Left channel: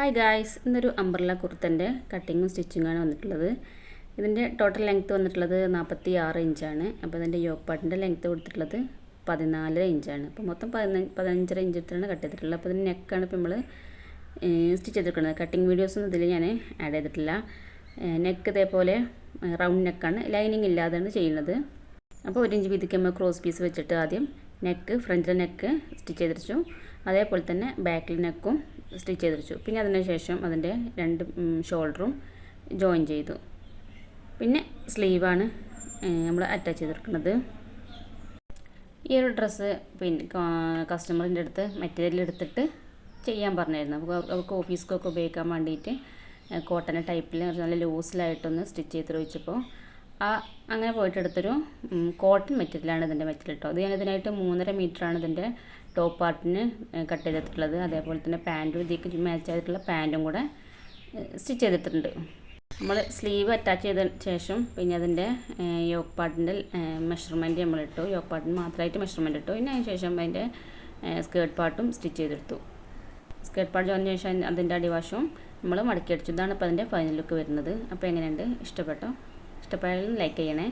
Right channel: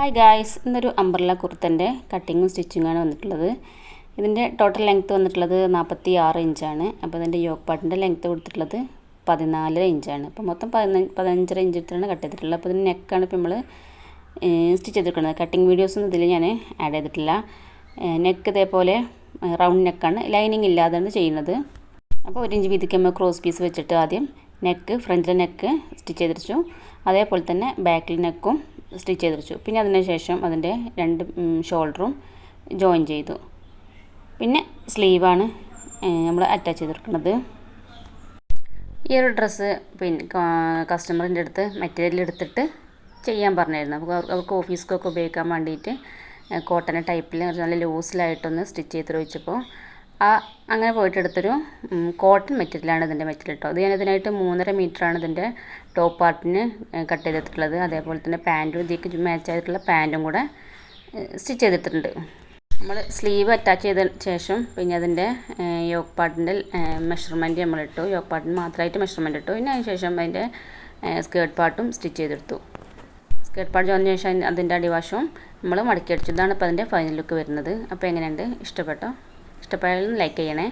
Hi guys, ഇന്നൊരു umbrella കുർത്തൻ്റെ കട്ടിങ്ങും സ്റ്റിച്ചിങ്ങാണ് വന്നിട്ടുള്ളത്. ഇതിൻ്റെ ടോട്ടൽ ലെങ്ത്ത് വന്നിട്ടുള്ളത് 46 ഇഞ്ചാണ്. അപ്പോൾ ഇതിൻ്റെ യോക്ക് പാർട്ടിൻ്റെ ലെങ്ത്ത് കൊടുത്തിട്ടുള്ളത് 14 ഇഞ്ചാണ്. അപ്പോൾ മൊത്തം 15 ഇഞ്ച് എടുത്തിട്ടാണ് കട്ട് ചെയ്തിട്ടുള്ളത്. അപ്പോൾ ഇതിൻ്റെ നെക്കാണ് ഇപ്പോൾ നമ്മൾ സ്റ്റിച്ച് ചെയ്തിരിക്കുന്നത്. കട്ടിങ് വീഡിയോസൊന്നും ഇതിൽ ഞാൻ ആഡ് ചെയ്തിട്ടില്ല. നെക്ക് ഇതേപോലെ റൗണ്ട് നെക്കാണ്, ലൈനിങ് ഇല്ലാതെയാണ് ചെയ്യുന്നത്. അപ്പോൾ 1 ഇഞ്ച് വീതിക്ക് നമ്മൾ ക്രോസ് പീസ് വെച്ചിട്ട് ആദ്യം നെക്ക്, ഫ്രണ്ടിലെ നെക്ക് സ്റ്റിച്ച് ചെയ്തിരിച്ചു. അതേപോലെ തന്നെ ബാക്കിൽ നെക്കും സ്റ്റിച്ച് ചെയ്തിരിച്ചു. പിന്നെ അതിന് ശേഷം അതിൻ്റെ 2 ഷോൾഡറും ജോയിൻ ചെയ്തു. പിന്നെ സ്ലീവാണ് നമ്മൾ അറ്റാച്ച് ചെയ്തെടുക്കുന്നത്. ഈ ഒരു ഡ്രസ്സ് പിന്നെ കസ്റ്റമറിൻ്റെ അടുത്ത് മെറ്റീരിയൽ എടുത്തിട്ട് ചെയ്യാൻ പറഞ്ഞായിരുന്നു. അപ്പോൾ അവർക്ക് ഓഫീസിലൊക്കെ ഉപയോഗിക്കാൻ വേണ്ടിയിട്ട് കോട്ടൺ ടൈപ്പിൽ നല്ല ലൂസിലായിട്ടൊന്ന് സ്റ്റിച്ച് ചെയ്ത് വെച്ചപ്പോൾ അങ്ങനെ പോയിട്ട് എടുത്തൊരു കോട്ടൺ മെറ്റീരിയലാണ് ഇതിൻ്റെ മെറ്റീരിയൽ കേട്ടോ. അത് ഞാൻ ഇതിനായിട്ട് 3.5 മീറ്ററാണ് ഇതിൻ്റെ ടോപ്പ് പാർട്ടിന് കട്ട് ചെയ്തിട്ടുള്ളത്. അതേപോലെ തന്നെ പാൻറ്റും ഇതിലേക്ക് മാച്ച് ആയിട്ടുള്ള പാൻറ്റും കൂടെ സ്റ്റിച്ച് ചെയ്തിട്ടുണ്ട്. നമ്മൾ സ്ലീവ് അറ്റാച്ച് ചെയ്ത ശേഷം പിന്നെ അതിൻ്റെ യോക്ക് പാർട്ടിൻ്റെ മെഷർമെൻറ്റ് നമ്മളിട്ടു. യോക്ക് പാർട്ടിന് മാത്രമായിട്ട് മെഷർമെൻറ്റ് ഇട്ടു. പിന്നെ അതിന് ശേഷം അതിൻ്റെ സ്കേർട്ട് പാർട്ടും സ്റ്റിച്ച് ചെയ്തെടുത്തു. സ്കേർട്ട് പാർട്ട് ചെയ്തതിന് ശേഷം അതിൻ്റെ അടിവശവും നമ്മൾ മടക്കി അടിച്ചു. ഇതാണ് ഇപ്പോൾ അതിൻ്റെ ഫൈനൽ ലുക്ക് വരുന്നത്. അപ്പോൾ എങ്ങനെയുണ്ട്? ഇഷ്ടപ്പെട്ടോ? ഇഷ്ടപ്പെട്ടാലും ലൈക്ക് ചെയ്യണേ.